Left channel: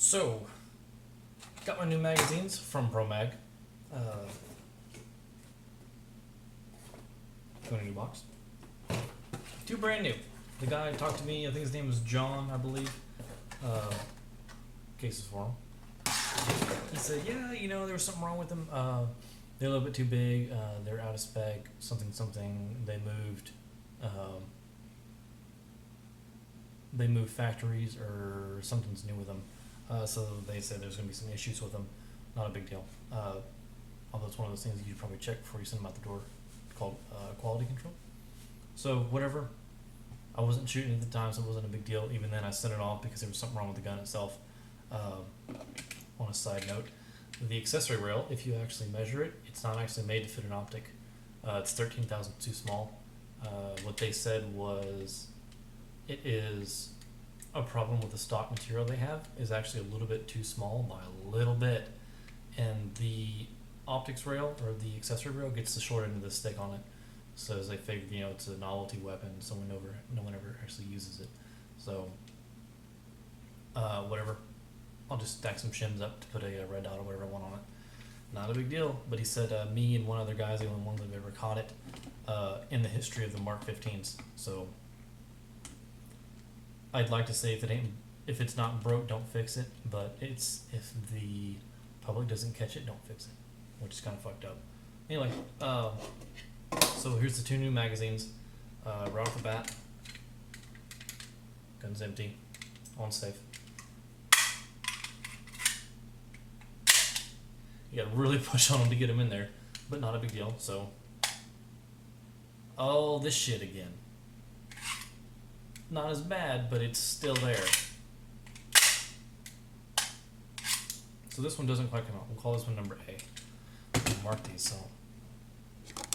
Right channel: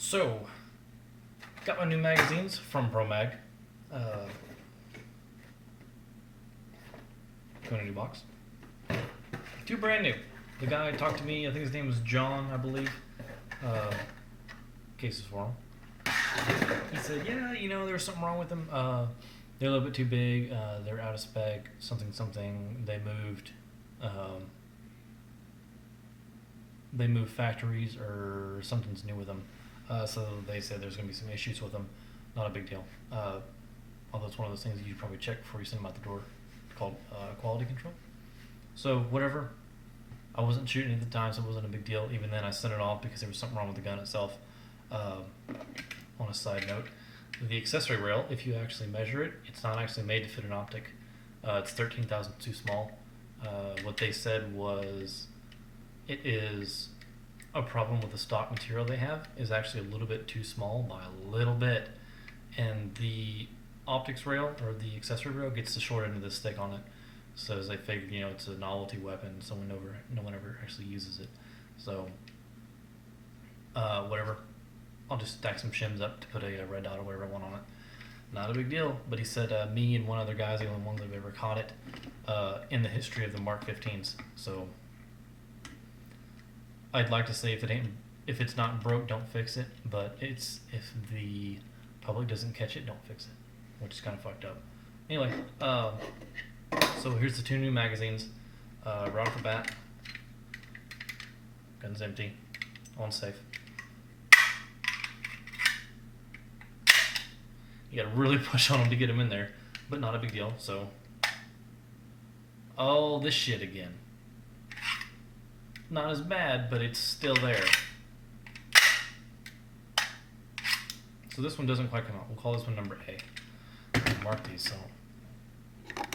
So, got my new magazines from ProMag. Got a new box. Two brand new. The guy talked to me, I think his name was John, I believe. Cases for him. He said, yeah, you know, there's something wrong with them. They're a little bit too big. They're out of spec. Something. They moved factories or something's new with them. So they said there's going to be some issues with them. Not a big deal. Although it's one of those things that you probably check before you send them out the door, called quality control. So whatever. I wasn't shooting at the time, so it wasn't a big deal. Even then, I sent it off because there was something wrong with the gun itself. On a side note, the accessory rail, if you actually measure it, it's not actually made to fit an optic. It's 13 thousandths too small. What they said was it is a problem with the stock material they have is actually a little bit too small by a little bit, and the optics rail or the accessory rail gets the short end of the stick on it. So as they figured, you know, it's a novelty weapon, so no one ever actually uses it. So whatever, I'll just stack some shims up to put a red dot or whatever I want on it. Not a big deal. But he said me and one other guy's the only ones that have ever caught it in the history of the Mark 15s. So I'd like to say if it's not broke, don't fix it. But if the public doesn't catch it, don't fix it, which is kind of fucked up. Anyway, so here's the two new magazines. Right off the bat, gun's empty, on safe. You gotta really push on them to get them in there, but not a big deal. So, oh, this shit again. Not as bad, but it's still there. So this one doesn't quite come out. We'll call this one number A. I'll mark these so I don't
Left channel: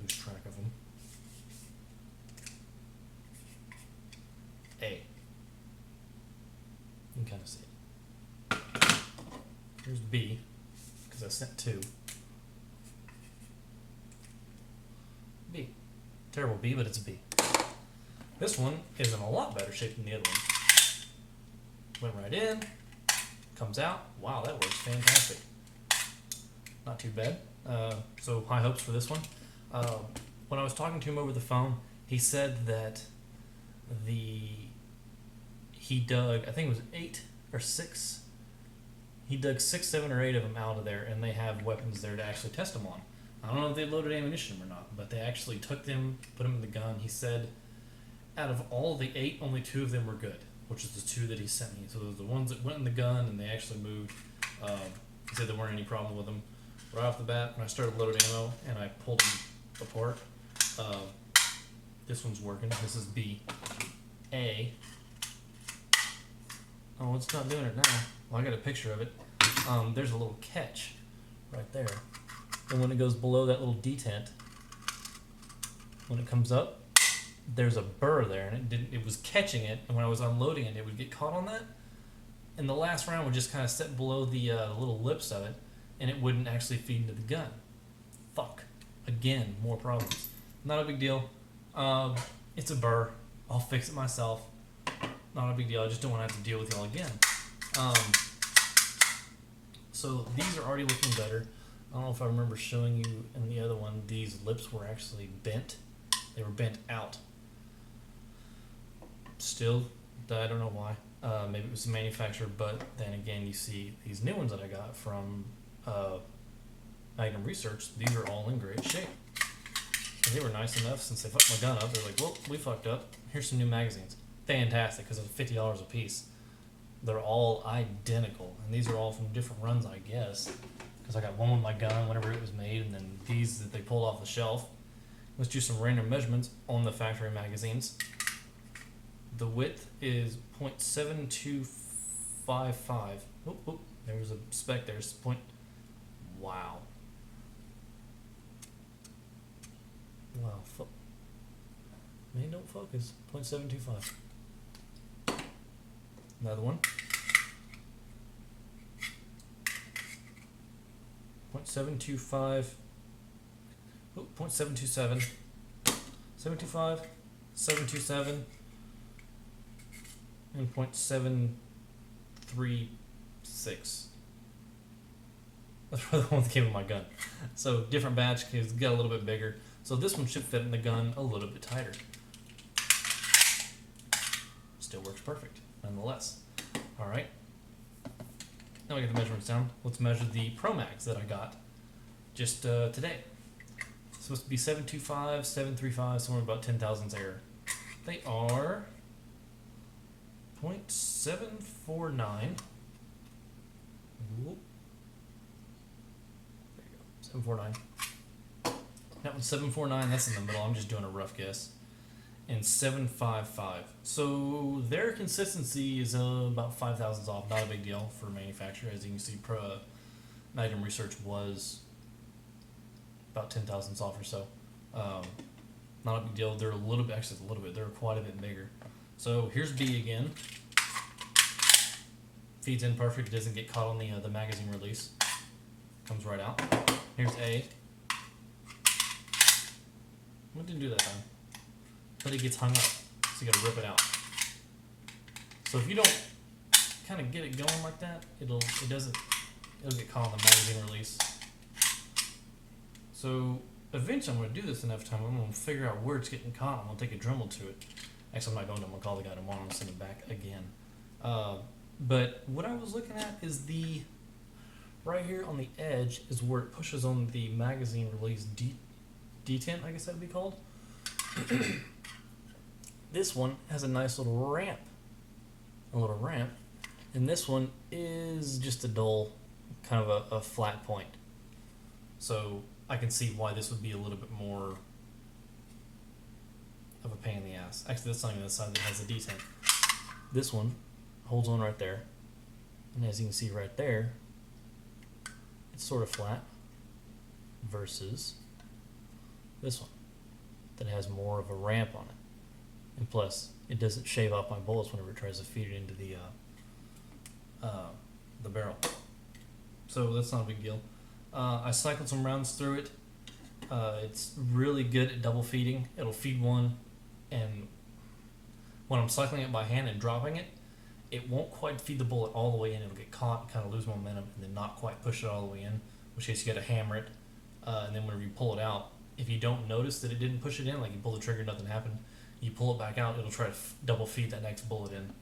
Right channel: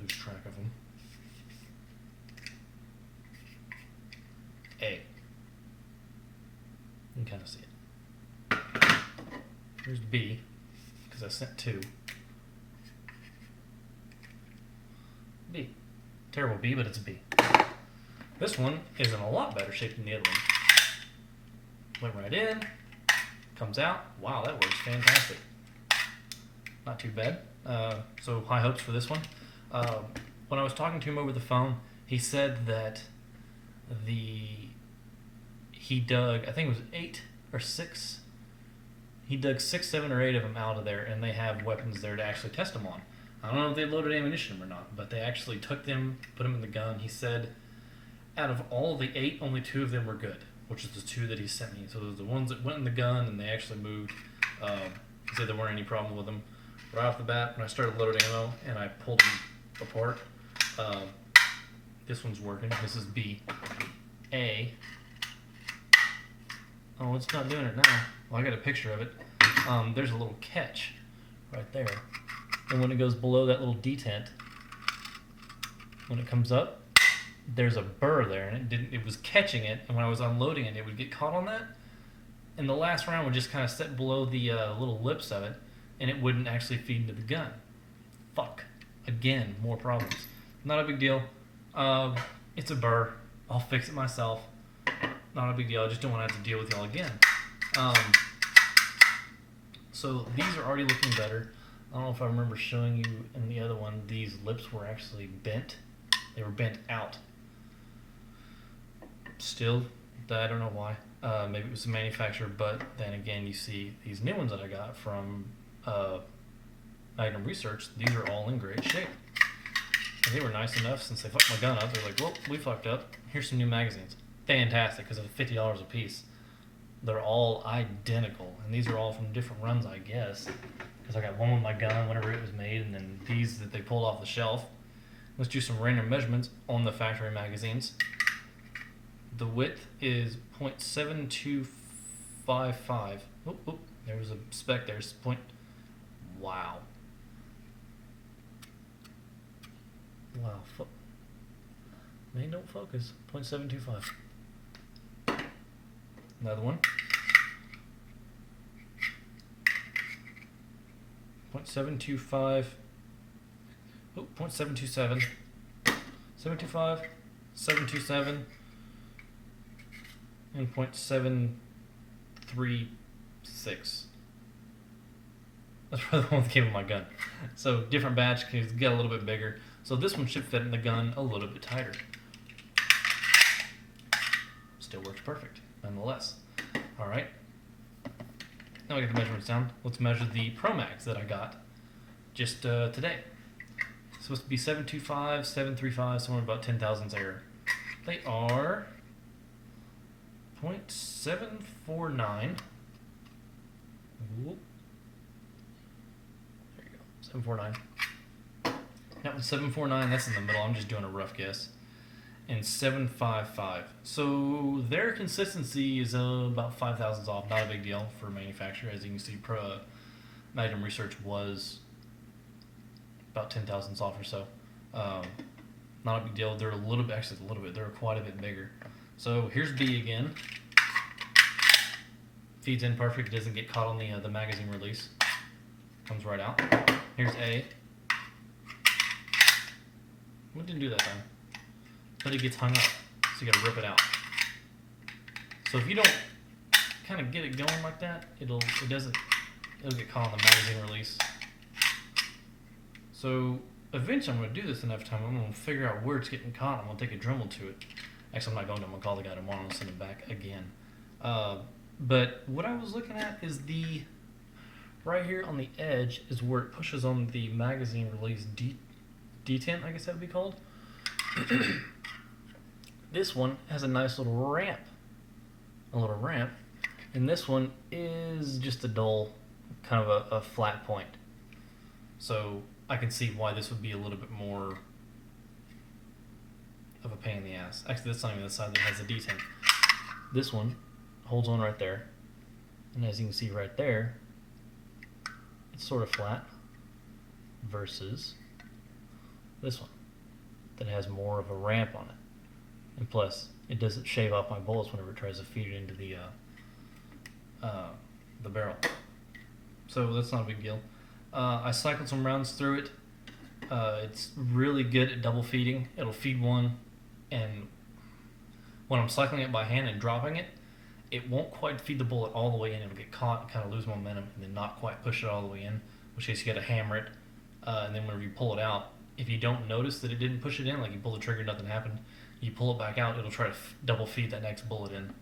lose track of them. A. You can kind of see it. Here's B, because I sent two. B. Terrible B, but it's a B. This one is in a lot better shape than the other one. Went right in, comes out. Wow, that works fantastic. Not too bad. So high hopes for this one. When I was talking to him over the phone, he said that he dug, I think it was 8 or 6. He dug 6, 7, or 8 of them out of there, and they have weapons there to actually test them on. I don't know if they loaded ammunition or not, but they actually took them, put them in the gun. He said out of all of the 8, only 2 of them were good, which is the 2 that he sent me. So those are the ones that went in the gun and they actually moved. He said there weren't any problem with them. Right off the bat, when I started loading ammo and I pulled them apart, this one's working. This is B. A. Oh, it's not doing it now. Well, I got a picture of it. There's a little catch right there. And when it goes below that little detent, when it comes up, there's a burr there, and it was catching it, and when I was unloading it, it would get caught on that. And the last round would just kind of sit below the little lips of it, and it wouldn't actually feed into the gun. Fuck. Again, more problems. Not a big deal. It's a burr. I'll fix it myself. Not a big deal. I just don't want to have to deal with y'all again. So these are already looking better. I don't know if I remember showing you in the other one, these lips were actually bent. They were bent out. Still, I don't know why. Maybe it was the manufacturer, but then again, you see these new ones that I got from Magnum Research. These are all in great shape. And they were nice enough since they fucked my gun up. They're like, well, we fucked up. Here's some new magazines. Fantastic, because they're $50 a piece. They're all identical, and these are all from different runs, I guess. Because I got one with my gun whenever it was made, and then these that they pulled off the shelf. Let's do some random measurements on the factory magazines. The width is 0.7255. Oh, there was a spec there. Wow. Wow. Man, don't focus. 0.725. Another one. 0.725. Oh, 0.727. 725. 727. And 0.7 .36. That's probably the one that came with my gun. So different batch, it's got a little bit bigger. So this one should fit in the gun a little bit tighter. Still works perfect, nonetheless. All right. Now I get the measurements down. Let's measure the ProMags that I got just today. It's supposed to be 725, 735, somewhere about 10 thousandths error. They are 0.749. Whoop. There you go. 749. That one's 749. That's in the middle. I'm just doing a rough guess. And 755. So their consistency is about 5 thousandths off. Not a big deal for a manufacturer. As you can see, Magnum Research was about 10 thousandths off or so. Not a big deal. They're a little bit, actually a little bit. They're quite a bit bigger. So here's B again. Feeds in perfect. It doesn't get caught on the magazine release. Comes right out. Here's A. What didn't do that time? But it gets hung up, so you gotta rip it out. So if you don't kind of get it going like that, it'll get caught on the magazine release. So eventually I'm gonna do this enough time. I'm gonna figure out where it's getting caught. I'm gonna take a Dremel to it. Actually, I'm not going to. I'm gonna call the guy tomorrow and send it back again. But what I was looking at is right here on the edge is where it pushes on the magazine release detent, I guess that would be called. This one has a nice little ramp, and this one is just a dull, kind of a flat point. So I can see why this would be a little bit more of a pain in the ass. Actually, that's not even the side that has the detent. This one holds on right there, and as you can see right there, it's sort of flat versus this one that has more of a ramp on it. And plus, it doesn't shave off my bullets whenever it tries to feed it into the barrel. So that's not a big deal. I cycled some rounds through it. It's really good at double feeding. It'll feed one, and when I'm cycling it by hand and dropping it, it won't quite feed the bullet all the way in. It'll get caught and kind of lose momentum and then not quite push it all the way in, which case you got to hammer it. And then whenever you pull it out, if you don't notice that it didn't push it in, like you pull the trigger, nothing happened, you pull it back out, it'll try to double feed that next bullet in.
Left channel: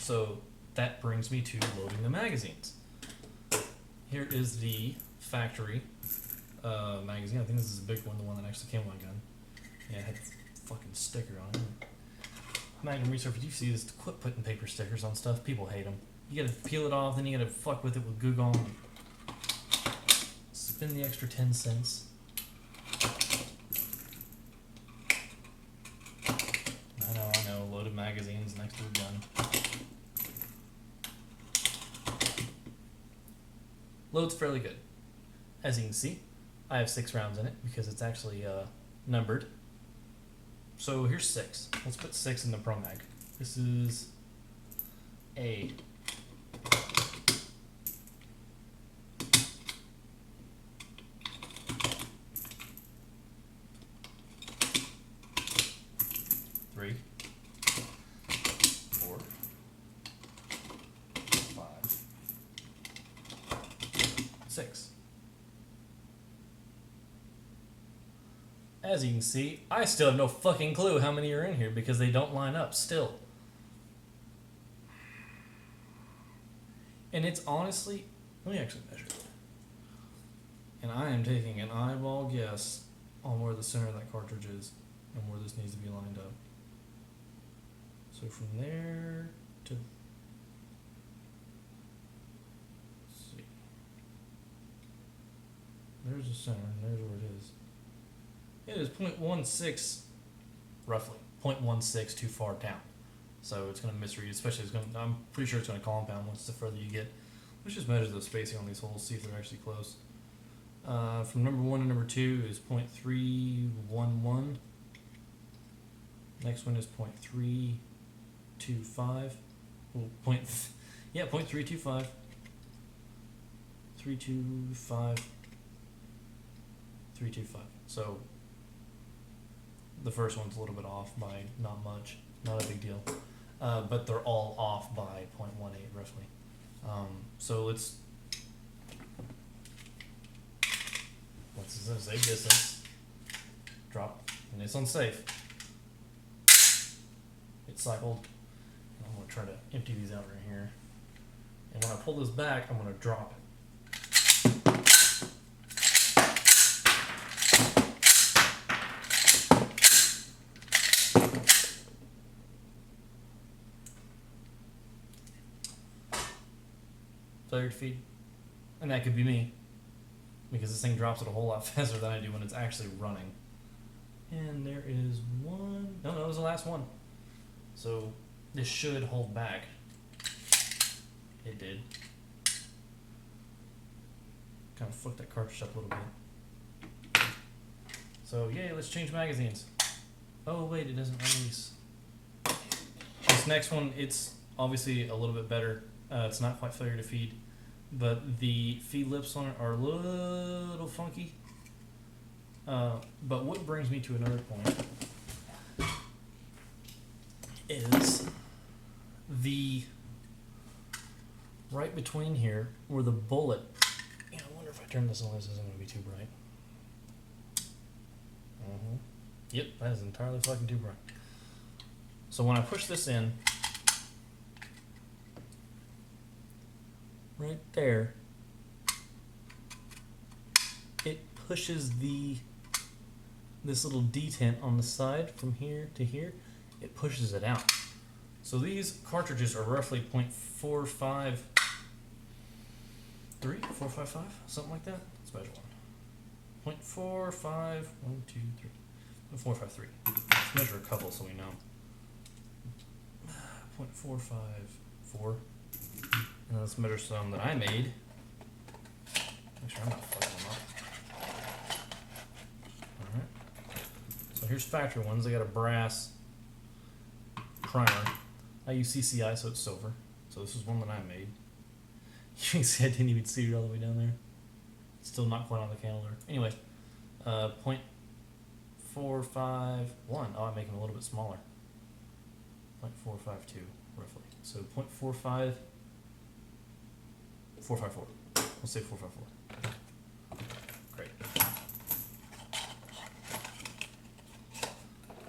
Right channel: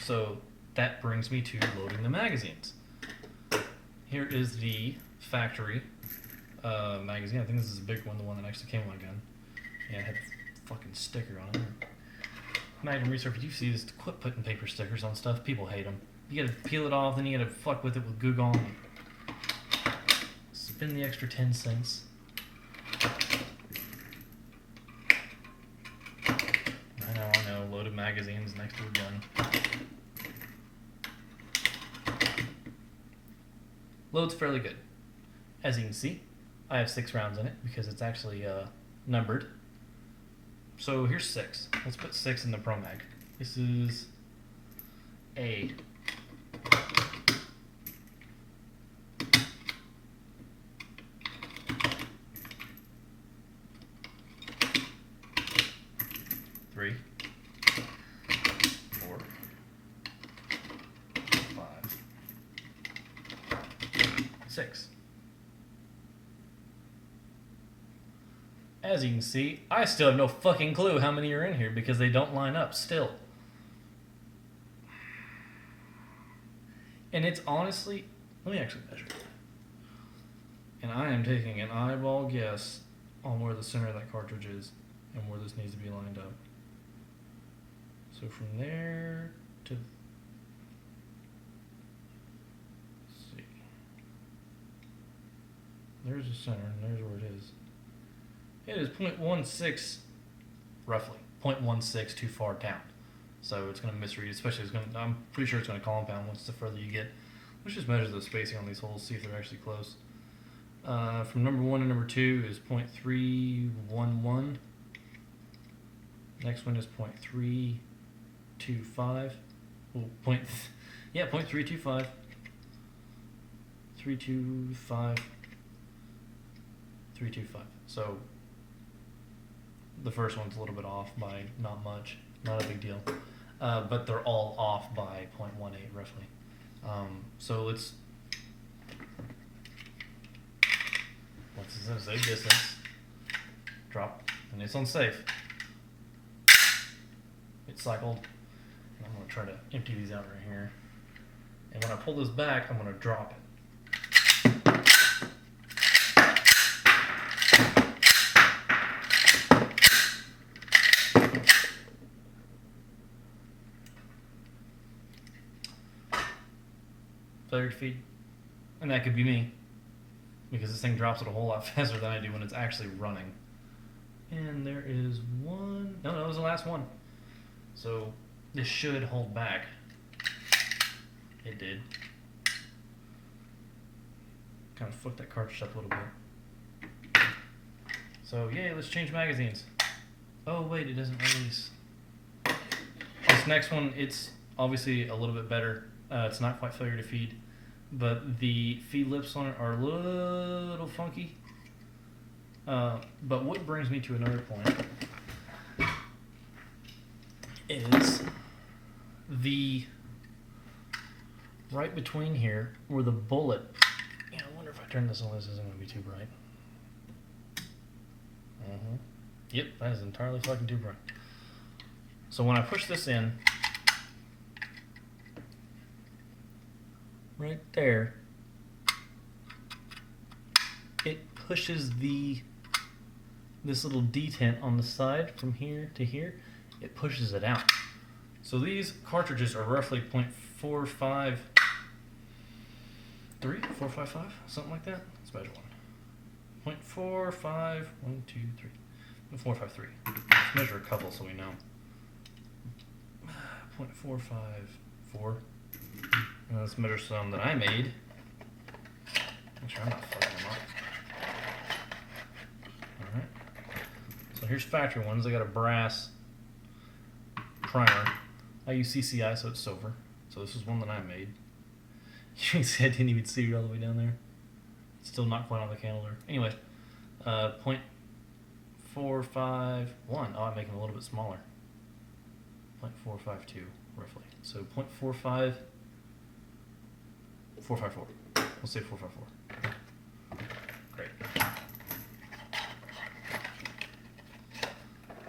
So that brings me to loading the magazines. Here is the factory magazine. I think this is a big one, the one that actually came with my gun. Yeah, it had the fucking sticker on it. Magnum Research, you see this, quit putting paper stickers on stuff. People hate them. You gotta peel it off, then you gotta fuck with it with Goo Gone. Spend the extra 10 cents. I know, loaded magazines next to a gun. Loads fairly good. As you can see, I have 6 rounds in it because it's actually numbered. So here's 6. Let's put 6 in the ProMag. This is A. Three, 4, 5, 6. As you can see, I still have no fucking clue how many are in here because they don't line up still. And it's honestly, let me actually measure it. And I am taking an eyeball guess on where the center of that cartridge is and where this needs to be lined up. So from there to, let's see, there's the center and there's where it is. It is 0.16, roughly 0.16 too far down, so it's going to misread. Especially, I'm pretty sure it's going to compound once the further you get. Let's just measure the spacing on these holes, see if they're actually close. From number 1 to number 2 is 0.311. Next one is 0.325. Well, 0.325. 325. 325. So the first one's a little bit off by not much, not a big deal. but they're all off by 0.18 roughly. So let's say distance, drop, and it's unsafe. It's cycled. And I'm going to try to empty these out right here. And when I pull this back, I'm going to drop it. Failure to feed. And that could be me, because this thing drops it a whole lot faster than I do when it's actually running. And there is one. No, that was the last one. So this should hold back. It did. Kind of fucked that cartridge up a little bit. So yay, let's change magazines. Oh wait, it doesn't release. This next one, it's obviously a little bit better. It's not quite failure to feed, but the feed lips on it are a little funky. But what brings me to another point is the right between here where the bullet. Yeah, I wonder if I turn this on, this isn't going to be too bright. Yep, that is entirely fucking too bright. So when I push this in, right there, it pushes this little detent on the side from here to here. It pushes it out. So these cartridges are roughly 0.453, 455, something like that. Let's measure one. 0.45, 1, 2, 3. 453. Let's measure a couple so we know. 0.454. And let's measure some that I made. Make sure I'm not fucking them up. Alright. So here's factory ones. I got a brass primer. I use CCI, so it's silver. So this is one that I made. You can see I didn't even see it all the way down there. It's still not quite on the calendar. Anyway, 0.451. Oh, I'm making it a little bit smaller. 0.452, roughly. So 0.45. 454. We'll say 454. Great.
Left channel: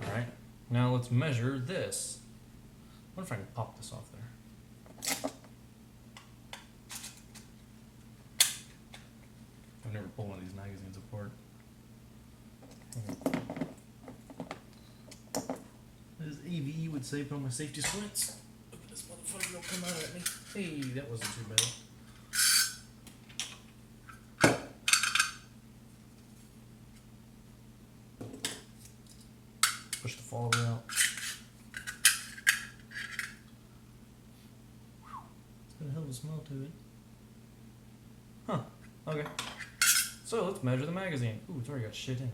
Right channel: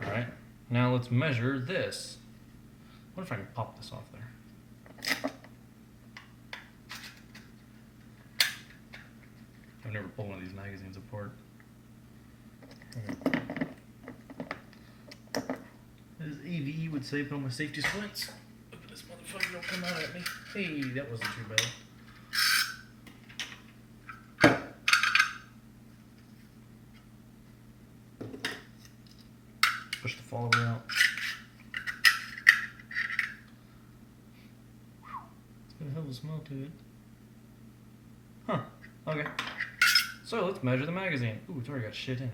Alright, now let's measure this. I wonder if I can pop this off there. I've never pulled one of these magazines apart. As AVE would say, put on my safety splints. Hope this motherfucker don't come out at me. Hey, that wasn't too bad. Push the follower out. It's got a hell of a smell to it. Huh. Okay. So let's measure the magazine. Ooh, it's already got shit in it.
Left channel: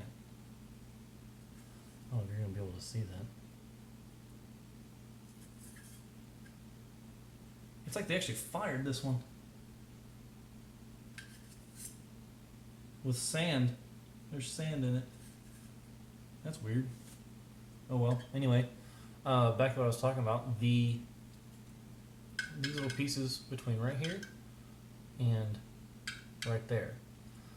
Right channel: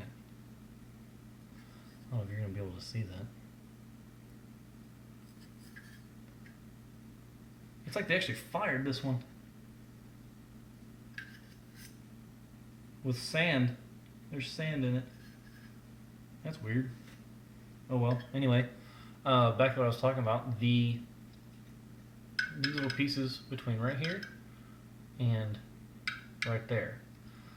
Oh, you're gonna be able to see that. It's like they actually fired this one. With sand. There's sand in it. That's weird. Oh well. Anyway, back to what I was talking about. These little pieces between right here and right there.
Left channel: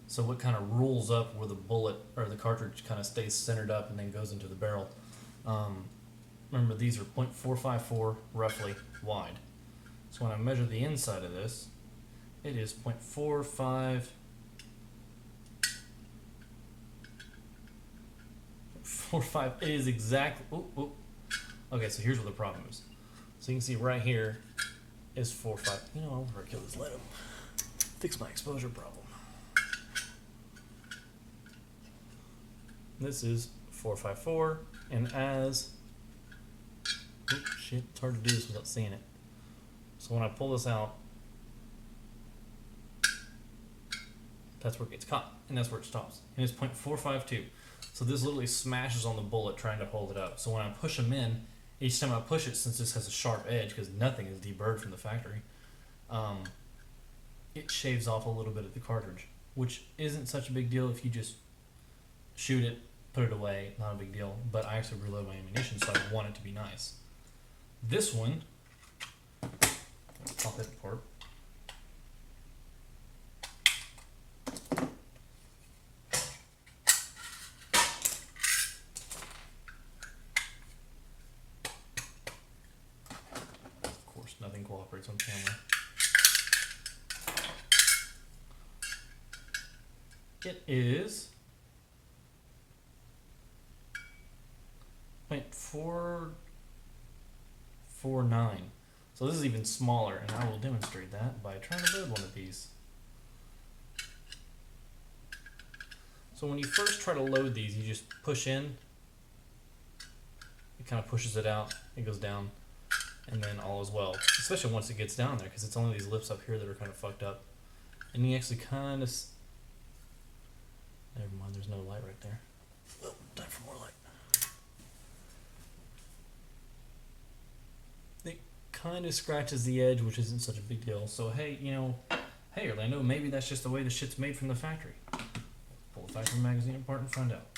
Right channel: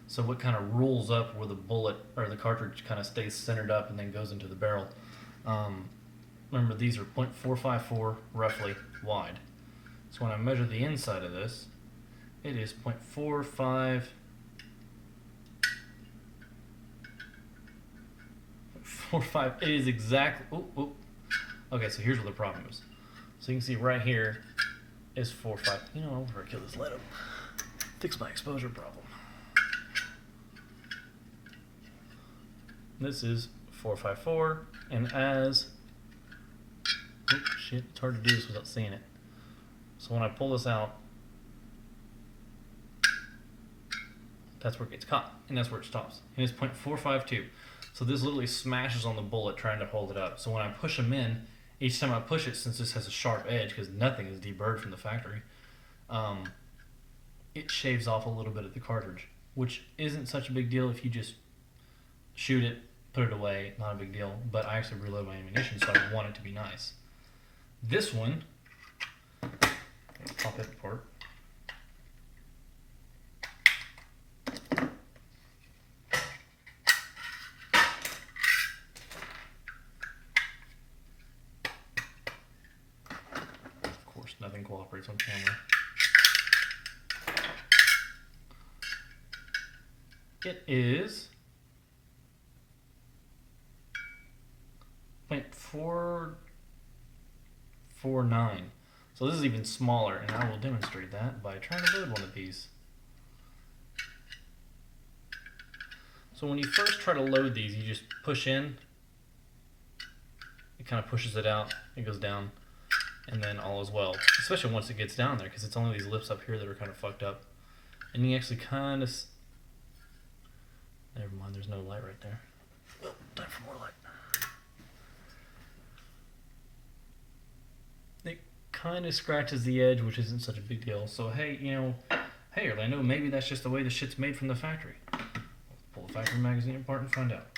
So what kind of rolls up where the bullet or the cartridge kind of stays centered up and then goes into the barrel. Remember, these are 0.454 roughly wide. So when I measure the inside of this, it is 0.45. 0.45. It is exactly. Okay, so here's what the problem is. So you can see right here is 4.5. You know, I'll never kill this. Let him fix my exposure problem. This is 4.54, and as shit, it's hard to do this without seeing it. So when I pull this out, that's where it gets caught, and that's where it stops. And it's 0.452. So this literally smashes on the bullet trying to hold it up. So when I push them in, each time I push it, since this has a sharp edge, because nothing is deburred from the factory, it shaves off a little bit of the cartridge, which isn't such a big deal if you just shoot it, put it away, not a big deal. But I actually reload my ammunition, so I want it to be nice. This one, pop it apart. Of course, nothing cooperates on camera. It is 0.449. So this is even smaller, and I will demonstrate that by trying to load one of these. So when you first try to load these, you just push in. It kind of pushes it out. It goes down, and then all is well. Especially once it gets down there, because it's only these lips up here that are kind of fucked up. And you actually kind of... Never mind, there's no light right there. Oh, time for more light. It kind of scratches the edge, which isn't such a big deal. So hey, you know, hey Orlando, maybe that's just the way the shit's made from the factory. Let's pull the factory magazine apart and find out.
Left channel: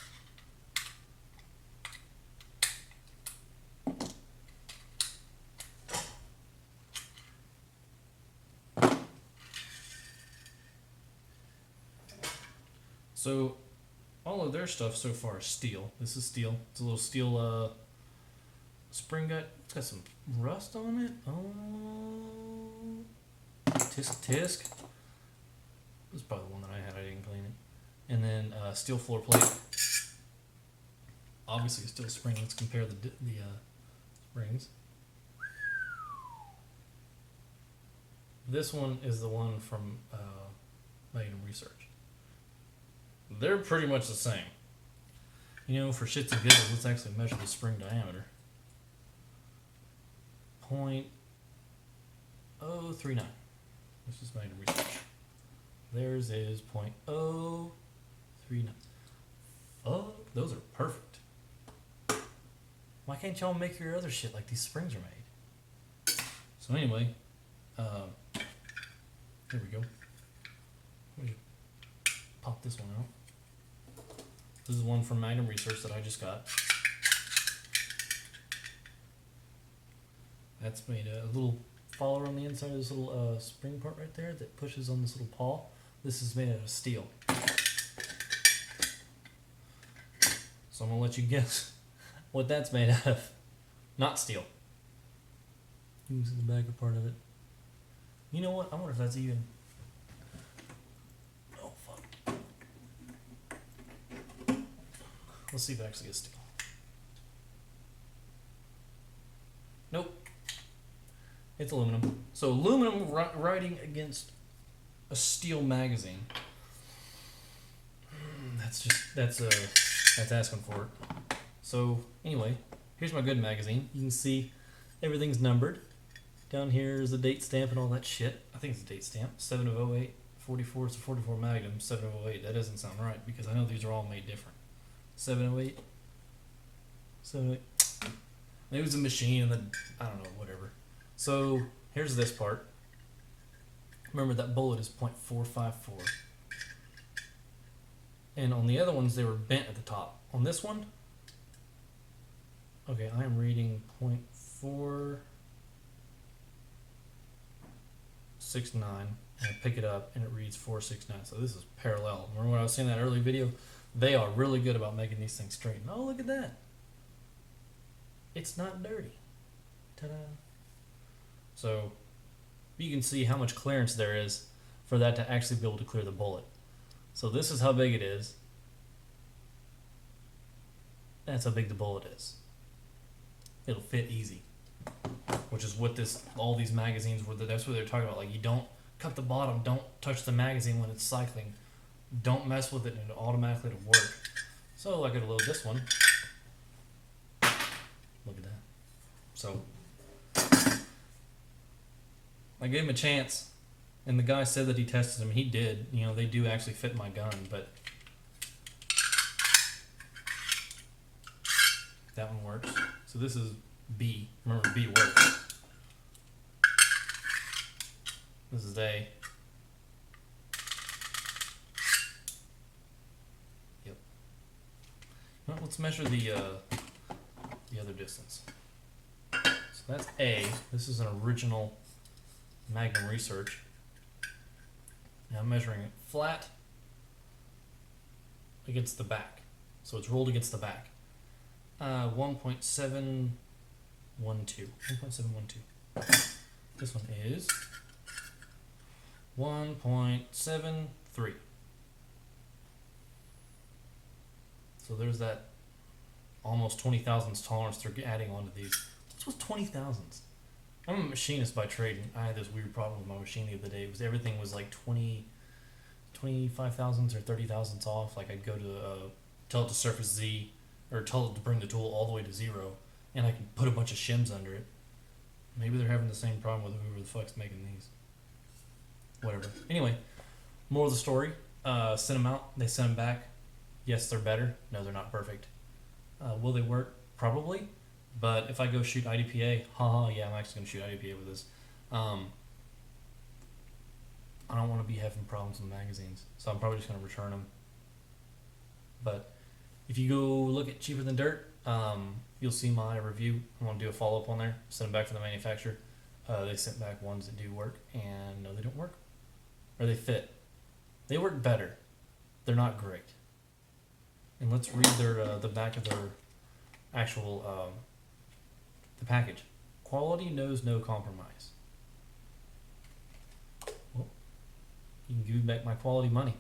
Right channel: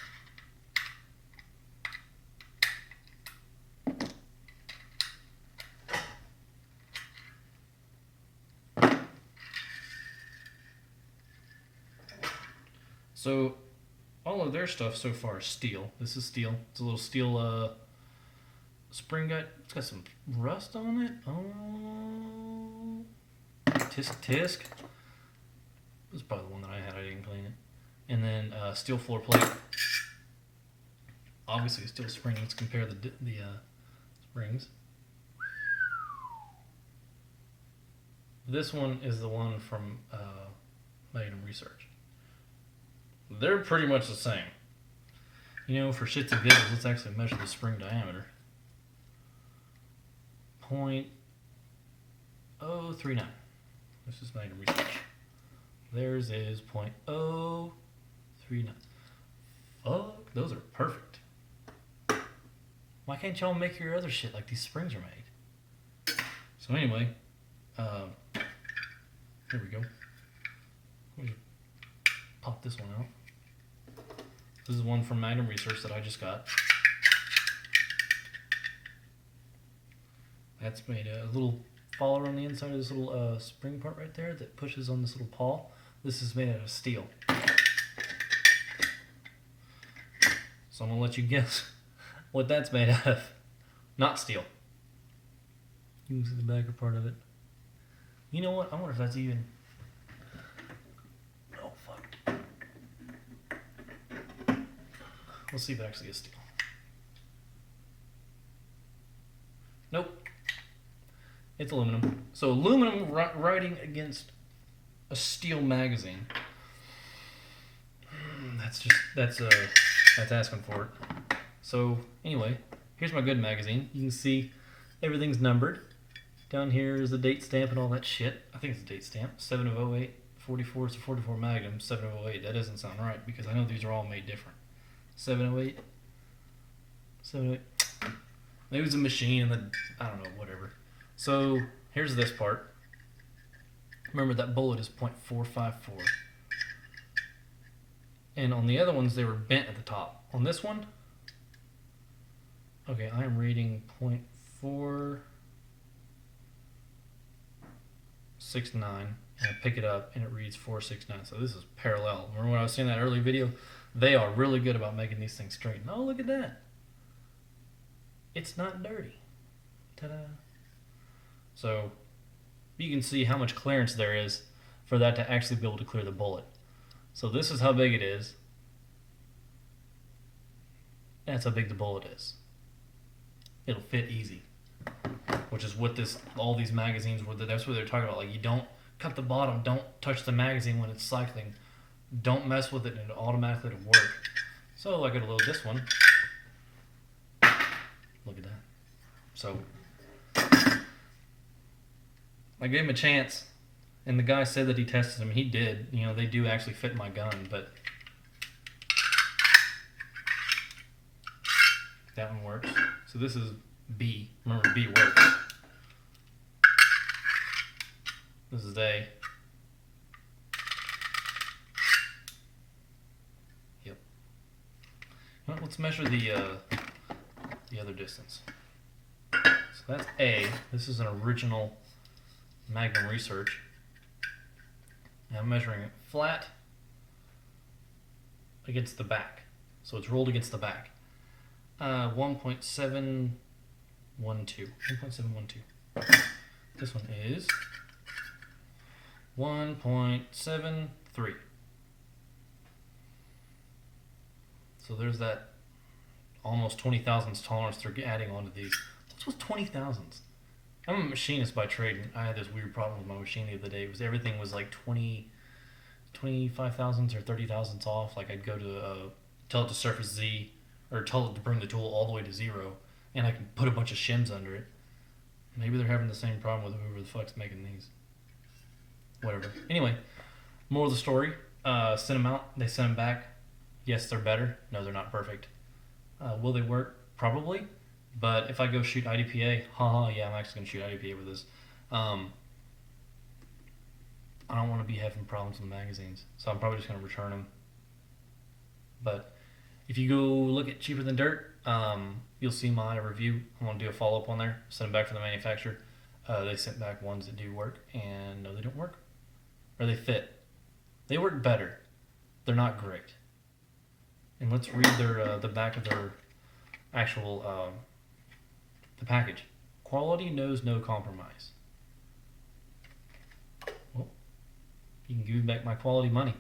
So all of their stuff so far is steel. This is steel. It's a little steel spring gut. It's got some rust on it. Oh, tisk. This is probably the one that I had. I didn't clean it. And then steel floor plate. Obviously, steel spring. Let's compare the springs. This one is the one from Magnum Research. They're pretty much the same. You know, for shits and giggles, let's actually measure the spring diameter. 0.039. This is Magnum Research. Theirs is 0.039. Fuck, those are perfect. Why can't y'all make your other shit like these springs are made? So anyway, here we go. Let me pop this one out. This is one from Magnum Research that I just got. That's made a little follower on the inside of this little spring part right there that pushes on this little paw. This is made out of steel. So I'm gonna let you guess what that's made out of. Not steel. You can see the backer part of it. You know what? I wonder if that's even... Oh, fuck. Let's see if it actually is steel. Nope. It's aluminum. So aluminum writing against a steel magazine. That's asking for it. So anyway, here's my good magazine. You can see everything's numbered. Down here is the date stamp and all that shit. I think it's a date stamp. 7 of 08, 44. It's a 44 Magnum. 7 of 08. That doesn't sound right because I know these are all made different. 708. 708. Maybe it was a machine and then, I don't know, whatever. So here's this part. Remember that bullet is 0.454. And on the other ones, they were bent at the top. On this one, okay, I am reading 0.469. And I pick it up and it reads 469. So this is parallel. Remember when I was saying that early video? They are really good about making these things straight. And oh, look at that. It's not dirty. Ta-da. So you can see how much clearance there is for that to actually be able to clear the bullet. So this is how big it is. That's how big the bullet is. It'll fit easy. Which is what all these magazines were. That's what they're talking about. Like, you don't cut the bottom, don't touch the magazine when it's cycling. Don't mess with it and it automatically will work. So I gotta load this one. Look at that. So I gave him a chance, and the guy said that he tested them. He did. You know, they do actually fit my gun, but that one works. So this is B. Remember, B works. This is A. Yep. Well, let's measure the other distance. So that's A. This is an original Magnum Research. Now I'm measuring it flat against the back. So it's rolled against the back. 1.712. 1.712. This one is 1.73. So there's that almost 20 thousandths tolerance they're adding onto these. What's with 20 thousandths? I'm a machinist by trade, and I had this weird problem with my machine the other day. Everything was like 25 thousandths or 30 thousandths off. Like I'd go to tell it to surface Z, or tell it to bring the tool all the way to 0, and I could put a bunch of shims under it. Maybe they're having the same problem with whoever the fuck's making these. Whatever. Anyway, moral of the story: send them out. They send them back. Yes, they're better. No, they're not perfect. Will they work? Probably. But if I go shoot IDPA, yeah, I'm actually going to shoot IDPA with this. I don't want to be having problems with magazines, so I'm probably just going to return them. But if you go look at Cheaper Than Dirt, you'll see my review. I'm going to do a follow-up on there, send them back to the manufacturer. They sent back ones that do work, and no, they don't work. Or they fit. They work better. They're not great. And let's read the back of their actual the package. Quality knows no compromise. Well, you can give me back my quality money.